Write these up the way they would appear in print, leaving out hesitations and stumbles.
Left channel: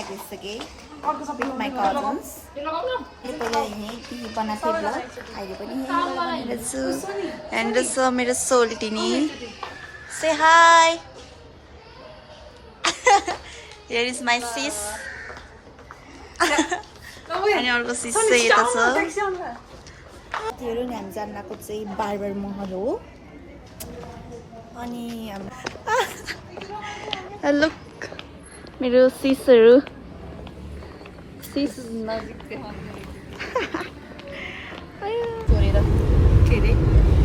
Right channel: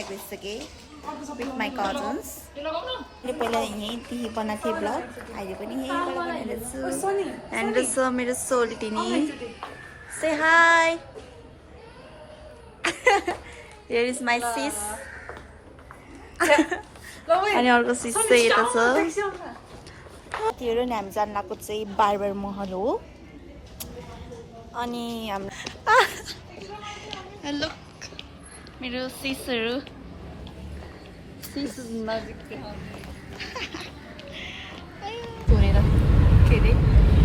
लागिसके with my cousins. मैले पहिला यहीँदेखि बनाएको थिएँ ब्लग अहिले पनि यहीँबाट बनाइरहेछु एन्ड छ मेरो सोल्टिनी से hi here is my sis अनि अर्को सिस चाहिँ यता छ त्योहरू नि हामी जान लागेको चाहिँ बारबर महल हो अनि हाम्रो लुक मेरो सिसहरू छोडेर के अरे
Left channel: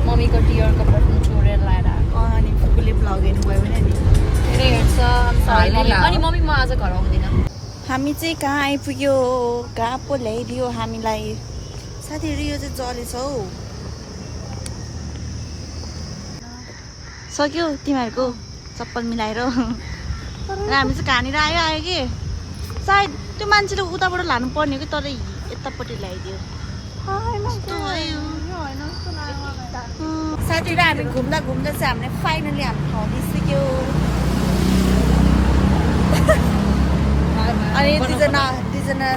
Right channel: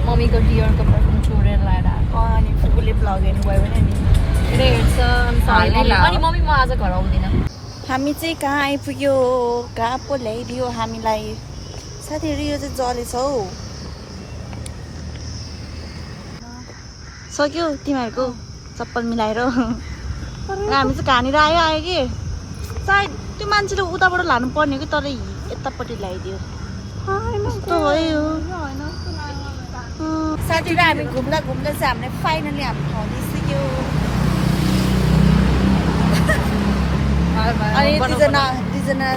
मम्मीको डियरको पर्सन छोडेर ल्याएर आएको अनि फुपूले भ्लग हेर्नु भयो भने नि हेर्छ अनि मम्मी म आज घर आउँदिनँ हामी चाहिँ कहाँ आइपुग्यो कहाँ पो ल्याइदियो हामीलाई साथीहरू यो चाहिँ जलेछ हौ सक्यो तिमीहरूको चप्पल मिलाएर र हामी चाहिँ कहाँनिर आयो कि सायद त्यो मान्छेले उताबाट लानु पर्ने कि तर यतापट्टि ल्याइदियो यस्तो भयो साथीहरू हामी घुम्दा घुम्दा चाहिँ हामीले फाइनली हामी खाँदै सिक्यो अनि दुईजना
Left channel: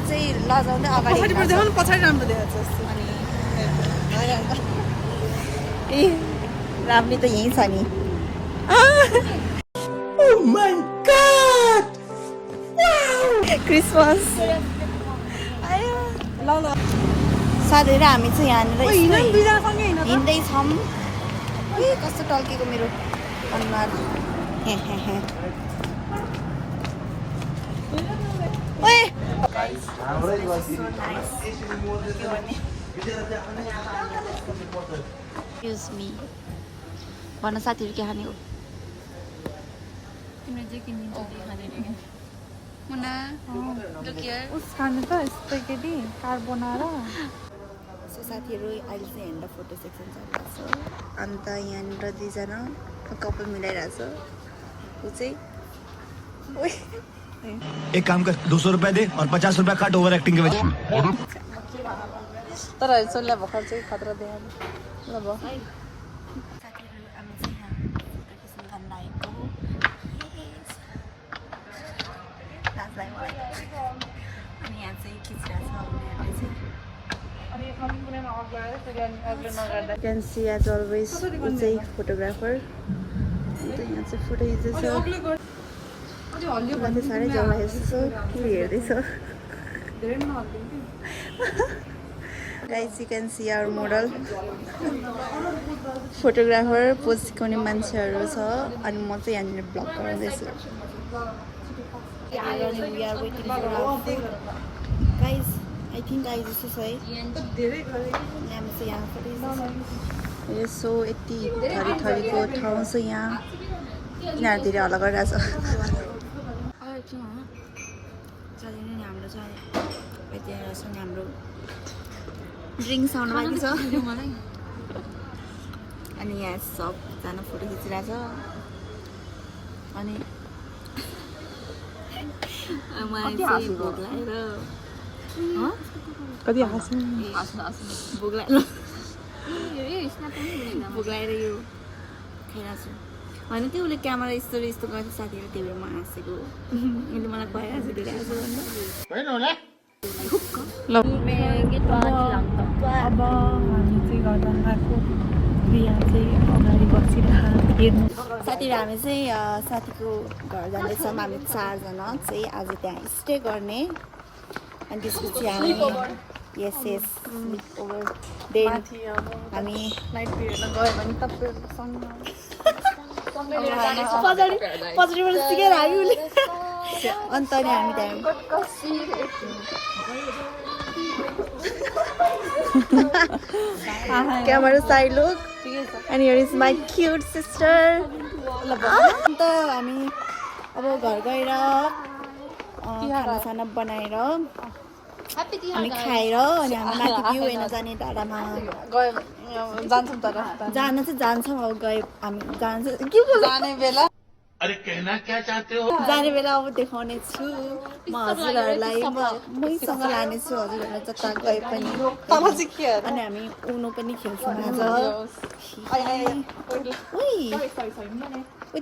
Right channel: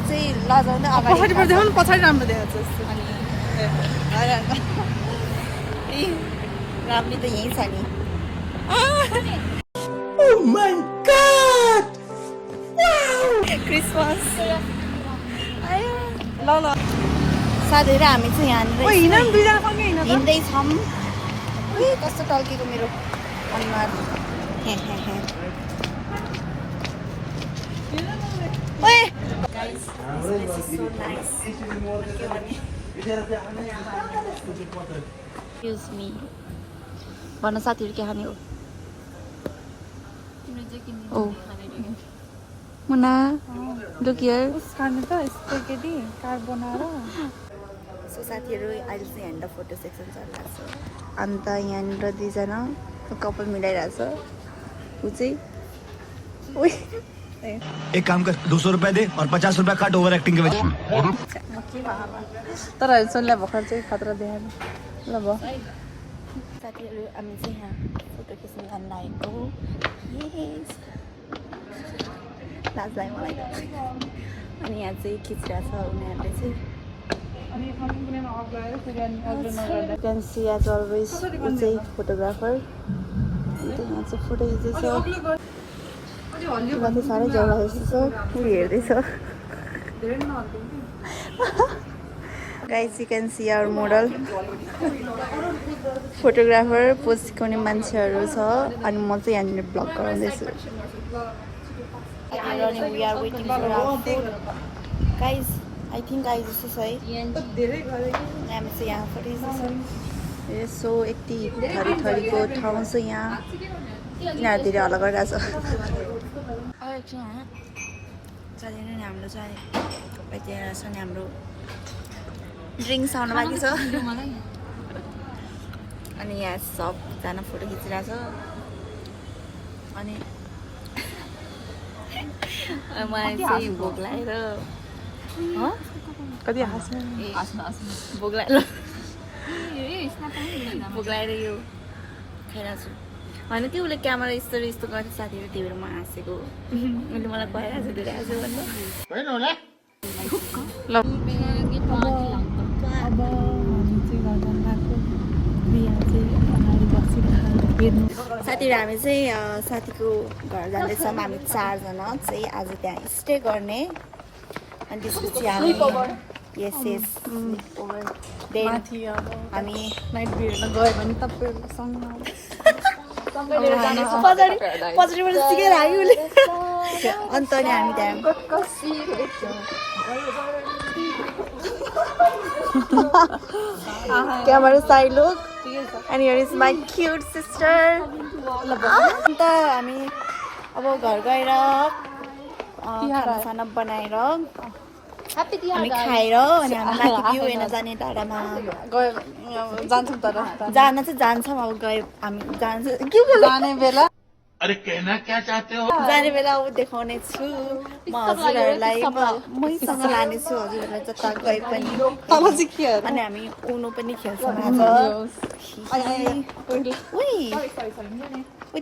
चाहिँ लजाउँदै अगाडि पछाडि राम्रो देखाएको अनि राम्री त यहीँ छ नि क्रिसमस साथीहरू हामी चाहिँ यहाँनिर हिँड्दैछौँ कस्तो टल्केको मेरो अनुहार एक्सक्युज मी भन साथीहरू के खाने हो मुना लुक हियर खानु त स्पेगेटी कार्बोनारा सो साथीहरू अहिले चाहिँ यहाँनिर फोटो सेक्सन चलिरहेको छ अन्त यहाँनिर दुईजना कपाल मिलाइरहेको छ ऊ चाहिँ एक काम कर 200 रुपए दे और 50 रुपए काट ओवर एक्टिंग के वजह तर सोल्ला भर्खर चाहिँ खतरा देखेन ल भयो साथीहरू हामी चाहिँ यहाँ फोटो खिच्न जान लागेको लाज लाग्यो मलाई अनि यहाँ चाहिँ खिचिरहेको छ उनीहरूले चाहिँ क्यान सी एज अलवेज ऊ चाहिँ फोटोग्राफर अन्त यहाँ चाहिँ फोटो खिच्दैछ उसलाई चाहिँ साह्रै जग्गा जस्तो छ ऊ हेर्दैछ guys you can see our model photographer pose सिकाउने मान्छेहरू छ अनि म चाहिँ यहाँनिर ब्लग गराउँदैछु we are waiting for our food guys I think I just say धेरै गरे हामी चाहिँ यहाँ फर्किँदैछौँ यसो यति थरीको ठाउँ छ यहाँ यिनीहरू धेरै हल्ला गरिरहेछ जाँदैन नि हाम्रो चाहिँ त्यहाँ छ नि हाम्रो ड्रिङ्क्स आउनु बाँकी छ अनि यहाँ सबजना फोटो खिचिरहेछ अनि मलाई चाहिँ भोक लागेर कति हाँस्छ भोक लागेर यो खाइरहेको छु होइन कि उसले क्यामेरा यस्तो गर्थ्यो साथीहरू त्यही भएर म हाँसेको उसले मलाई खुवाइरहेको छु धेरै हाँस्यो ल अब हामी चाहिँ घर जानको बिहा चाहिँ अगाडि बसिरहेको साथीहरू हामी चाहिँ साथीको घर जाँदैछौँ हामी 4 जना चाहिँ आज त्यहाँ स्टे गर्ने अनि त्यसपछि हामी यस ओभर देन हामी पछाडिबाट सिकेर आयो उसले अन्त अनि हामी त्यहाँ camera side look and here is my cute sister अन्त हामी अब घर गएर खानासाना बनाएर हामी खाएर अनि हामी माथि भ्यू हेर्न जाने टाढामा जान चाहिँ जान्छौँ अब गयो हामी जान्छ के जाने बेला अरे कहना क्या चाहते हो जाने बेला अब देखाउने छु म हजुरहरूलाई मैसँग लानेछु हजुरहरूलाई जता गए पनि अनि हामी उनो पनि खेल्छौँ आज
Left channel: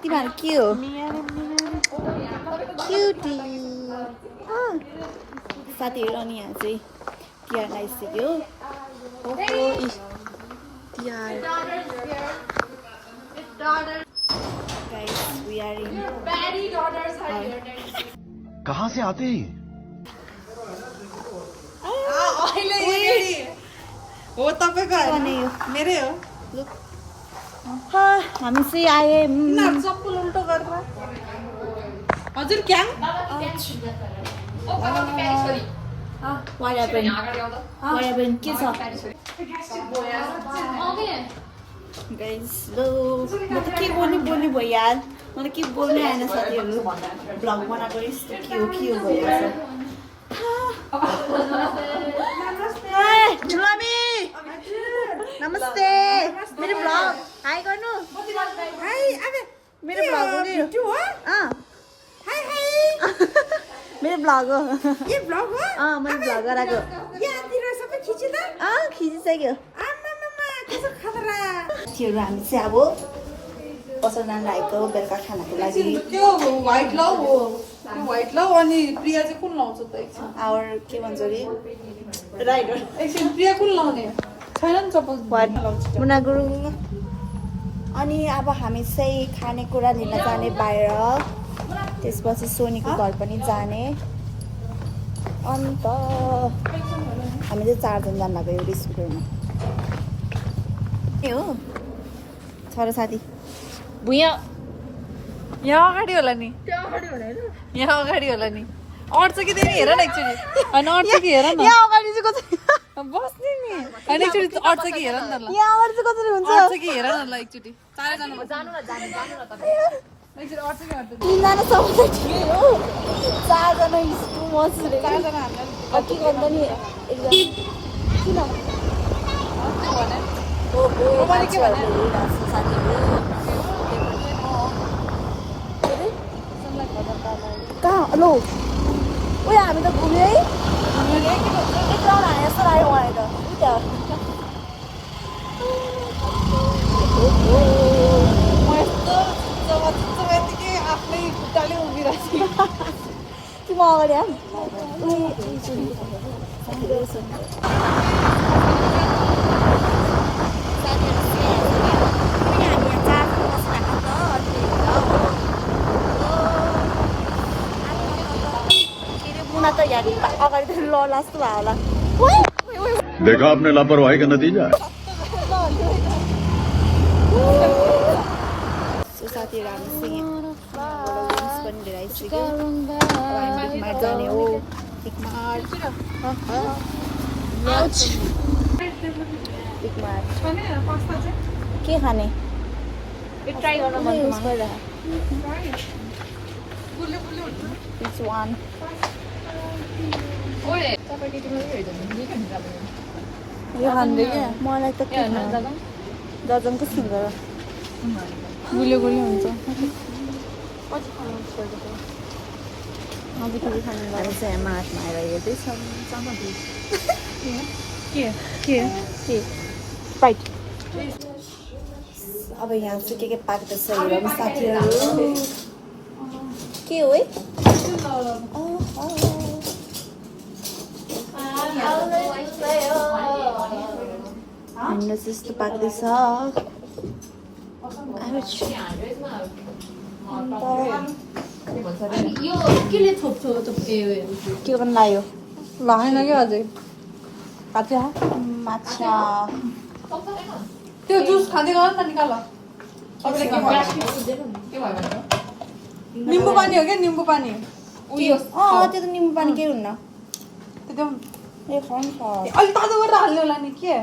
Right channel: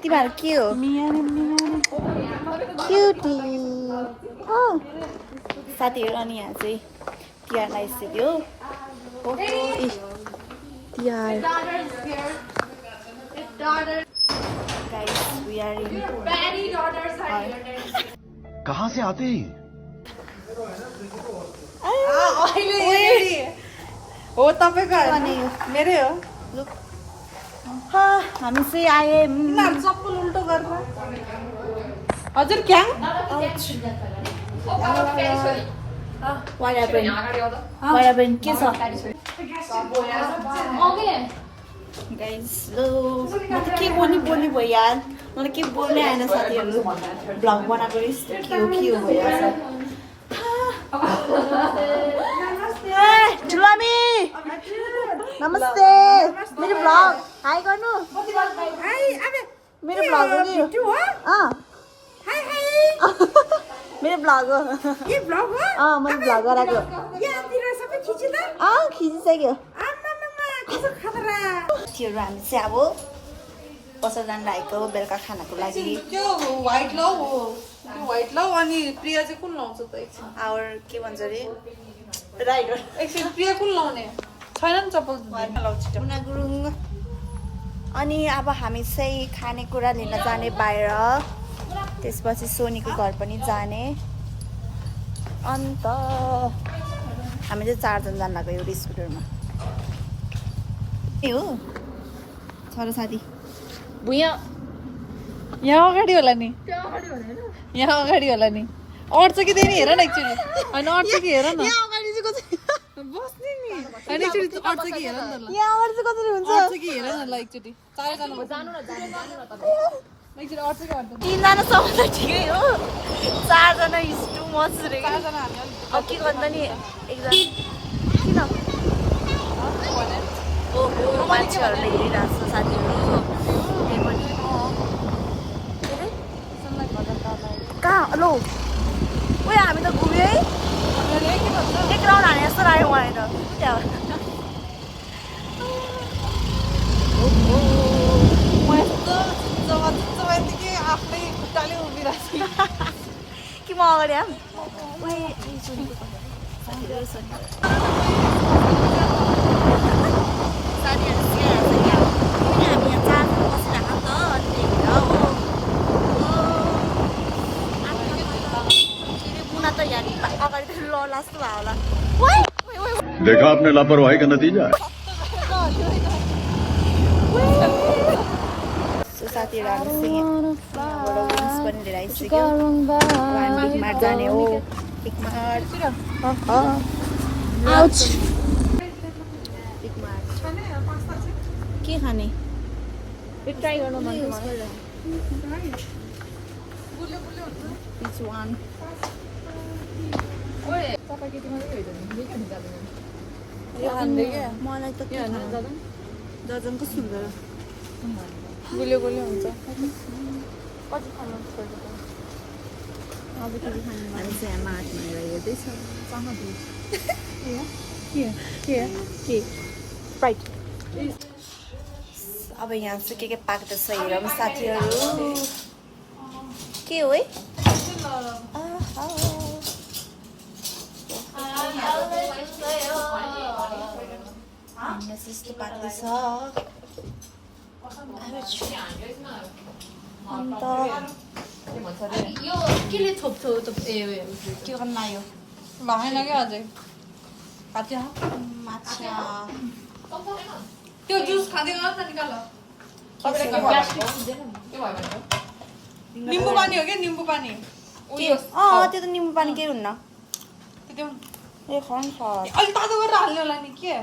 तिमीहरू के हो क्युटी साथीहरू अनि यहाँ चाहिँ तिहार आइसक्यो Tihar Guys, we are in कहाँ से आते हैं हो तपाईँको मेरै हो हामी चाहिँ आए सबै उल्टो गरेर हजुर क्याङ What happened? के छ गाइस लो म त के बोल्नु भयो यार मलाई के बोल्नै आएन साथीहरू भ्लग बनाएको यस्तो के हो भइरहेछ ठुलामी नमस्ते मेरो भ्लग हाई गर्नु मेरो भ्लग हो मेरो भ्लग हो के ब्लग हो मैले भ्लग गराएको यहाँतिर सबै खिच्यो त खिचिसक्यो आमामामा कस्तो खतरा साथीहरू हामी चाहिँ अब बस्न जान लागेको बेलुका खानाको लागि त्यो व्हाइट लभ हो त्यो व्हाइट लभ अनि प्रिया चाहिँ कुन लाउँछ त एकछिन आवर के भन्छ अरे राइडर एकछिन प्रिया कुन लाउने छैन नि चप्पल लाउँछ मुना गुरुङ अनि अब हामी चाहिँ खानेकुरा लिन जाने बाहिर त्यसपछि सोनीको घर पनि जाने अन्त हामी चाहिँ 4 जना जान लाग्यो एउटा स्कुटरमा ए हो छोरा साथी भुइँ यहाँ अगाडि होला नि यहाँ अगाडि होला नि अट्छ कि त्यही हेर न एकचोटि होइन अट्छ कि हेर न यहाँ अगाडि चाहिँ कसरी बस्ने नि होइन एकचोटि अट्छ कि हेर नि त ल यहाँ अगाडि चाहिँ कसरी हुन्छ अट्छ कि हेर न ल एकचोटि 4 जना एकचोटि अट्छ कि अट्छ 3 जना सम्म त ठिकै हो 4 जना इज टु मच रे के गर्दा नि एकजना किन ओहो मान्छेहरूले हेरिरहेको छ साथीहरू कहाँ लो उयो हामी त घुम्यो है एक राउन्ड हाने जस्तो लाग्यो मलाई त त्यहाँ आफ्नै खुट्टाले उभिरहेको कि म अगाडि आऊँ हामी यहाँ 4 जना बसिरहेको नि त अनि त्यही भएर हो के अरे मुना त यहाँ अगाडि त लड्ला जस्तो भयो होला देखा आपने लापरवाही का नतीजा है साथीहरू हामी चाहिँ यहाँबाट विङ्स पनि लिएर आइसक्यो अब हामी बिकमार जाने हो बिकमार बिकमार के खाने ट्राई गर्न मन युज गरिरहेको इट्स वान मलाई त के दर्जन कस्तो हुन्छ र गुलियो गुलियो हुन्छ हामी चाहिँ मार्टमा आएर हेर्दैछौँ के राइट अब यहाँ चाहिँ के पाक्दैछ हेरौँ साथीहरू के हो है हाम्रो यस्तो पाक्दैछ के गर्नु लाग्यो लागेन क्या अझै काट्छ माछा त्यो जुस खाँदै गर न निकाल निम्बु पानी हो क्या निम्बु पानी त्यो त निम्बु पानी केही हुन्न त्यो ए खानु छ अलि तातो गरेर हाल्नु होला नि के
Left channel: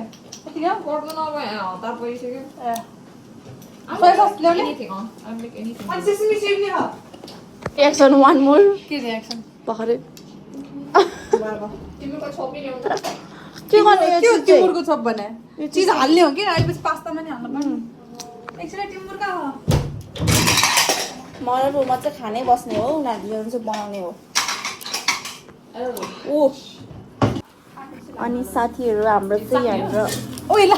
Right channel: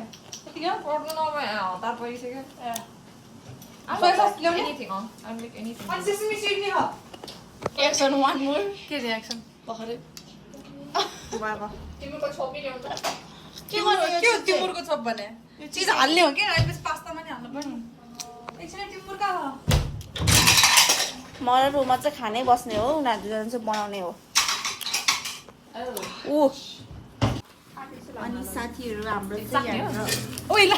एक्सन वान मोर के रियाक्सन भर्खरै के गर्नु यो टिमुरको चप भने यो चिज हाल्ने हो कि अहिले पास्तामा नि हाल्नु पर्ने एकछिन टिमुर कहाँ हो मलाई रुममा चाहिँ खानै बस्ने हो उनीहरू चाहिँ बनाउने हो ओ अनि साथीहरू हाम्रो चाहिँ हाम्रो ओइला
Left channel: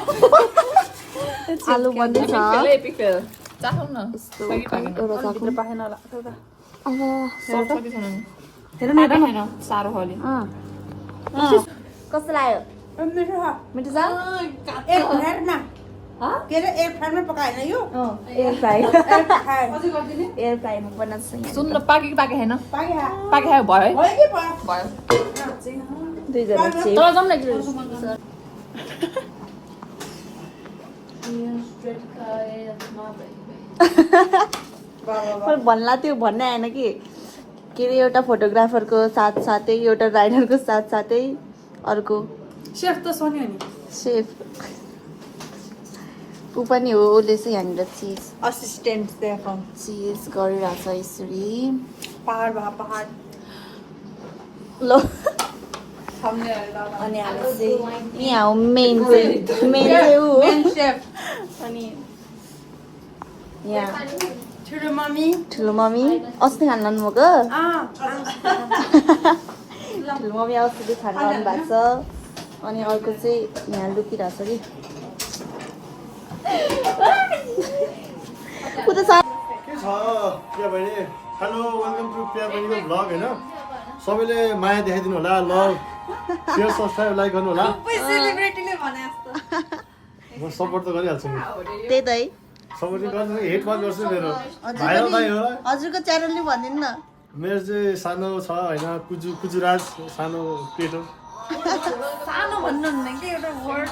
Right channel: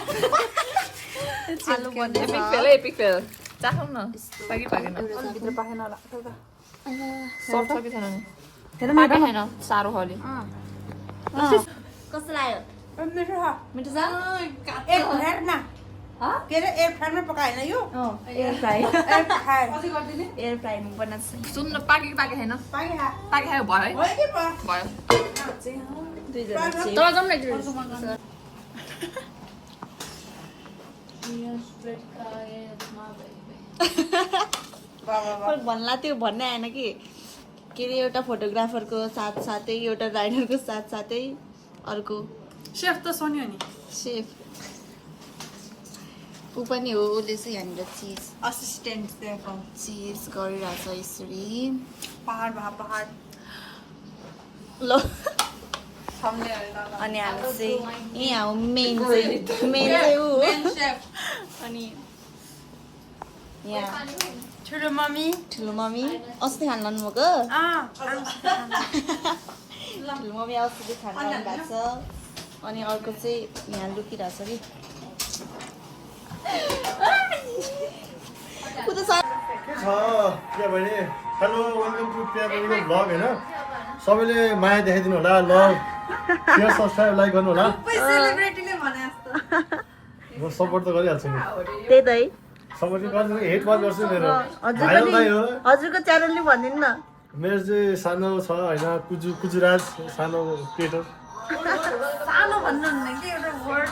आलु बन्दैछ एपिक फेल चाखौँ न एउटा चाख्नु पाएन होला अब हेर न हेर न छैन साह्रो खाले कस्तो लाग्यो मिठो छ एयर फ्रायरमा पकाएन यो air fry air fry air फ्राईमा बनाएको छ सुन न पाके पाके छैन पाके पाके भयो है भयो के भयो भयो दुईजना चाहिँ तर जाउँ न एकचोटि मैले भन्ला त्यो भन्नै आएन कि के अरे एउटा फोटोग्राफरको साथसाथै एउटा राइडरको साथसाथै अर्को सेफ त सोनी हो नि सेफ ऊ पनि हो उसले चाहिँ यहाँनिर चिज असिस्टेन्ट सेफ चिज गरिरहेछ यसरी पहाड भा पहाड ल थम्ने अरे अनि हामी चाहिँ यहाँ हो मेन चाहिँ ऊ हो सेफ अनि यहाँ ठुलो मम्मी ठुलो मम्मी अस्ति खान लानुभएको ठुलो मम्मी अस्ति खान लानु भएको छ अनि अर्को चाहिँ यहाँ लुकिरहेछ कि ऊ त के छ प्रिया बहिनी हेलो वेलकम टु प्रिया बहिनीको भ्लग होइन सबैले माया देखाइदिनु होला लभ सेयर सब्सक्राइब लाइक गर्नु होला म सपोर्ट त गरिहाल्छु नि त्यही त है सपोर्ट गर्छु हेट मात्र गर्छु मेरो भाइरल दाइ हो हजुरको च्यानलले भनिदिनु न मेरो चाहिँ सानो छ होइन कुजुराज सानो क्रिएटर सानो भन्नु हुन्न कि एउटा वर्ड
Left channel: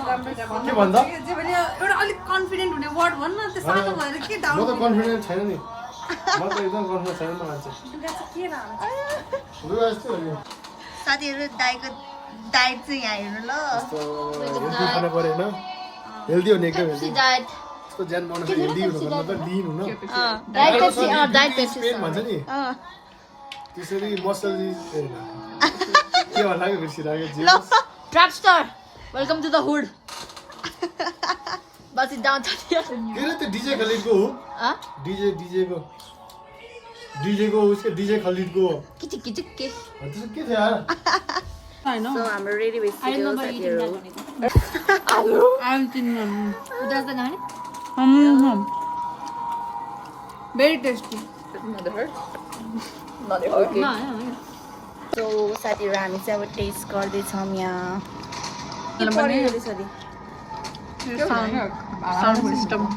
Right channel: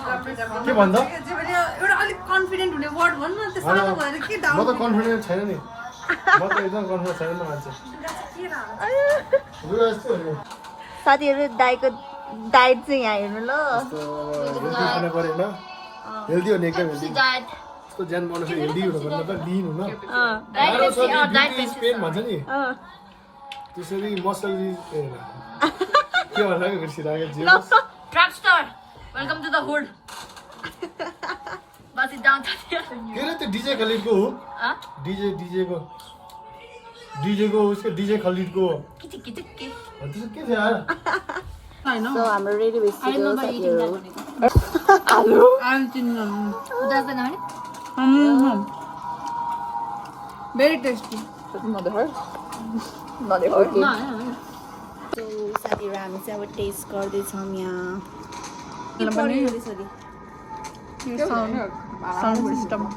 के भन्दा एउटा अलिक कन्फिडेन्ट हुने वर्ड भन्नु न त्यो सानो भएर के म डाउट त कन्फिडेन्ट छैन नि म त एकदम कन्फिडेन्ट छैन म मान्छे यस्तो हो नि साथीहरू दाइको डाइट चाहिँ यहाँ हेर्नु ल हेल्दी खानु पऱ्यो होइन हेल्दी हो नि एकदम हेल्दी डाइट यस्तो ज्यान बनाउनु हेल्दी हुनु भन्नु त लिन हुन पेन भन्छ नि त्यसरी मसल के भन्नु बिर्सिरहेको ट्र्यापस्टर welcome to the hood bust it down के अरे त्यो डिजे खलिडको हो डिजेको उसको डिजे खलिडको किचिक किचिक के त्यसो के थियो यार सो हाम्रो रेडी भइसक्यो साथीहरू उदास नहाने भेरी टेस्टी सो साथीहरू हामी चाहिँ अब टेस्ट गर्दैछौँ यहाँ सरी साउन्ड सिस्टम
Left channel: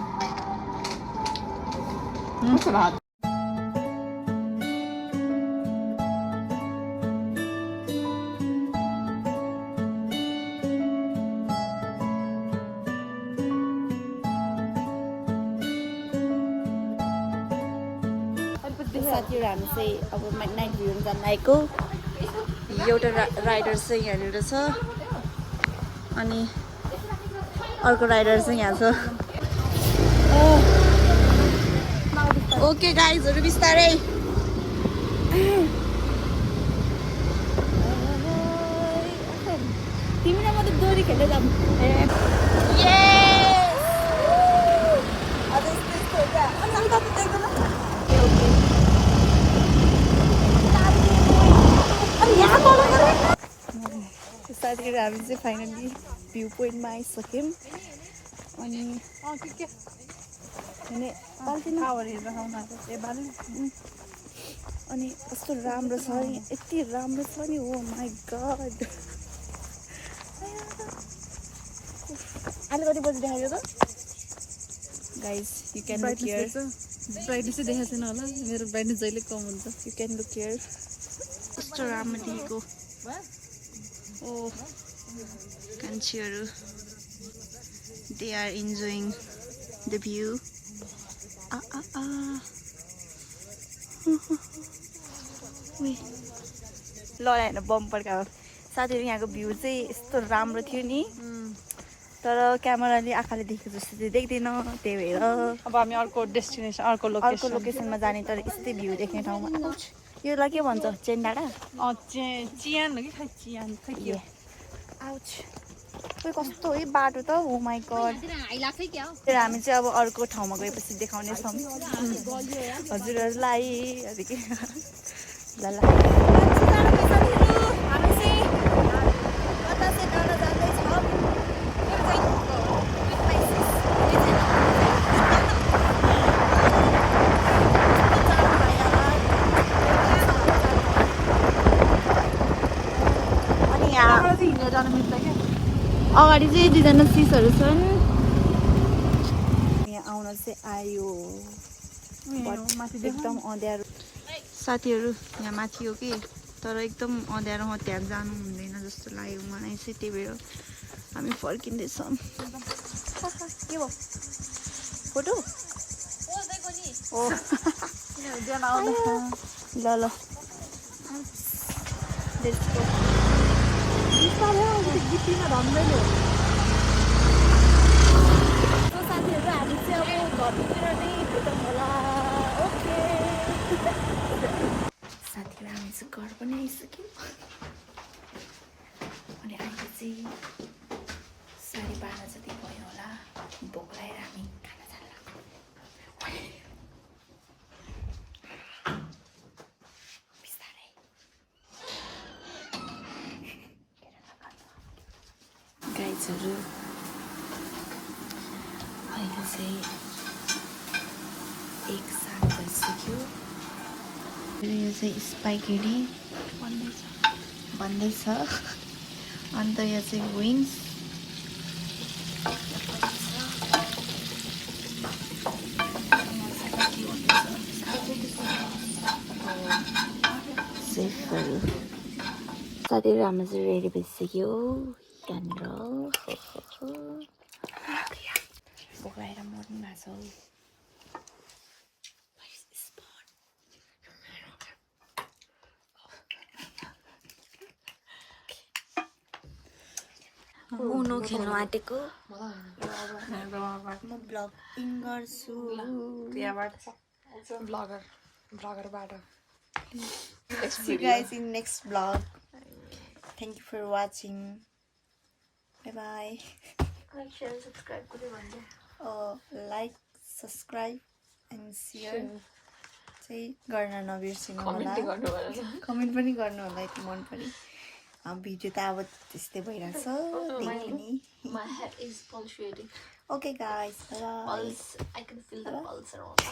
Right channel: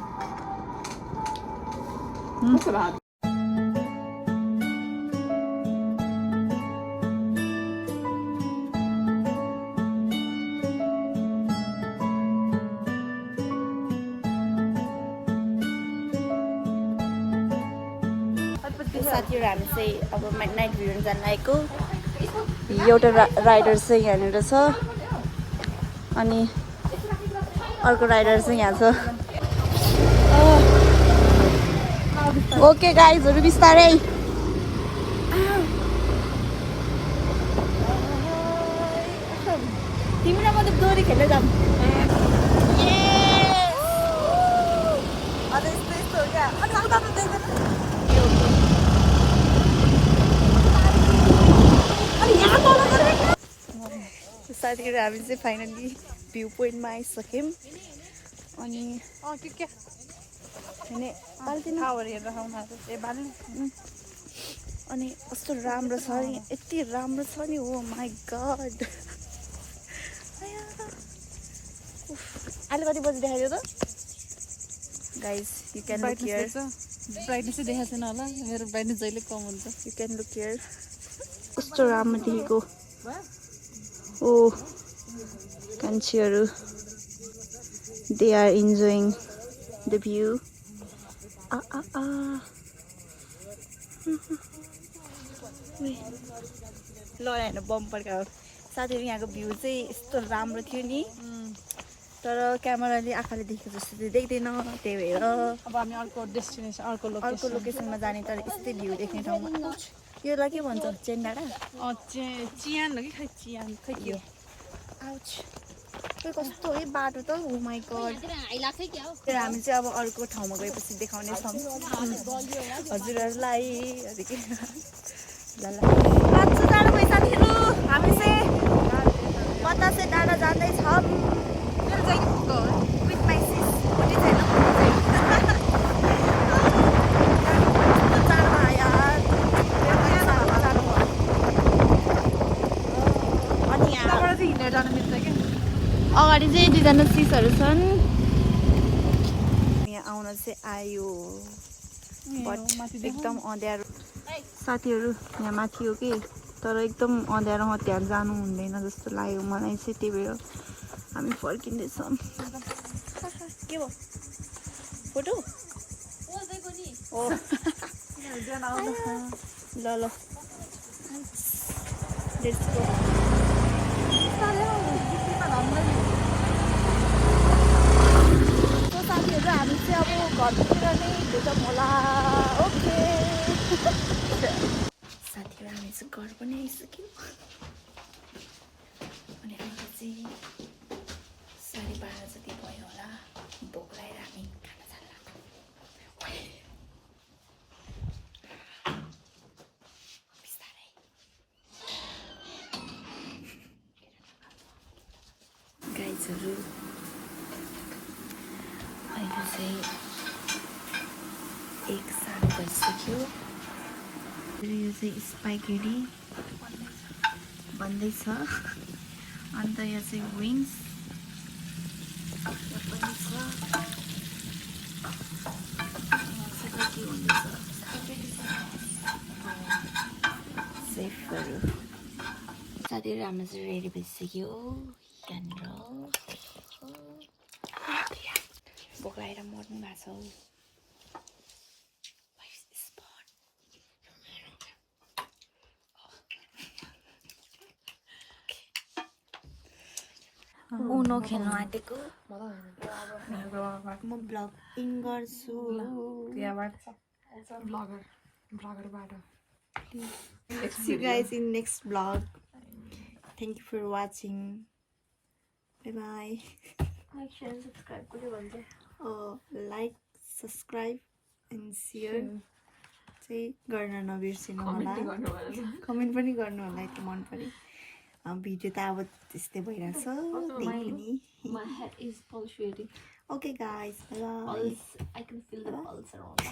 साथीहरू हामी चाहिँ अब नाइट भ्यू जान आएको एउटा राइडर चाहिँ यहाँनिर छ अनि अर्को राइडर चाहिँ यहाँ छ ओके गाइजहरू बिस्तारै तिमी र म त डोरी खेल्दै जाऊँ साथीहरू हामी चाहिँ फाइनली भ्यू पोइन्टमा आइसक्यौँ अनि अनि कस्तो राम्रो छ नि यति राम्रो छ नि हो माई गड अहिले कति बजी देखाइदियो त guys you can look here ब्राइटनेसै देखाएको छैन होला मेरो ब्राइटनेस जहिले कम हुन्छ यु क्यान लुक हियर कस्तो राम्रो देखेको ओ मान्छेहरू they are enjoying the view ल होइन बम्परका हो साथीहरू यहाँको भ्यू चाहिँ यस्तो राम्रो थियो नि तर क्यामेराले आँखाले देखेको जस्तो चाहिँ देख्दैन त्यही भएर अब हामी अर्को डेस्टिनेसन अर्को अर्को लोकेसनमा जाने तर यस्तै भ्यू देख्ने ठाउँमा योलाई के भन्छ चेन डाँडा चियान हो कि खै चियान खै के हो आउच खोइ कस्तो है बाटो त हो माई गड तर हामी चाहिँ अब अर्को ठाउँमा गएपछि देखाउनेछौँ हजुरहरूलाई ल मान्छे जानु भयो साथीहरू हामी चाहिँ बतासे डाँडा जाँदैछौँ मेरो चाहिँ विथ माई सिस जान मिल्छ क्या अगाडि चाहिँ दुईजना सिसहरू छन् यहाँ आउन चाहिँ आयो बट एकदम अँध्यारो साथीहरू यहाँ माथि हो कि तर एकदम अँध्यारोमा त्यहाँ जानु हुँदैन जस्तो लाग्यो मलाई चाहिँ त्यही भएर हामी फर्किँदैछौँ के भयो फोटो हो ल ल Let's go. So साथीहरू हामी चाहिँ अब घरतिर नै भेटौँ होला ओके साथीहरू हामी चाहिँ घर पनि आइसक्यौँ अनि अहिले चाहिँ 12:30 जति भयो होला भोक लागेर हामी खाना खान लाग्छौँ गाइजहरू अहिले चाहिँ 1:07 भइसक्यो यो चाहिँ स्पाइगेटी भन्दैछ अन्त यो चाहिँ विङ्स साथीहरू हाम्रो चाहिँ रेडी भइसक्यो यहाँनिर बोकाएर मर्नु भएको छ उनो खेल्नु आँटेको म ब्लगिङ गर्छु ब्लगरबाट See you guys in next vlog. Thank you for watching. Bye bye. Like share subscribe पनि भन्छ Like, subscribe and share. चाहिँ गर्न नबिर्सिनु होला कमेन्ट पनि गर्नु होला यति मन पऱ्यो भिडियो त अब त्यस्तै भइरहेछ त्यही पनि My head is pulsating. Okay guys, bye bye. I can feel the pulse around.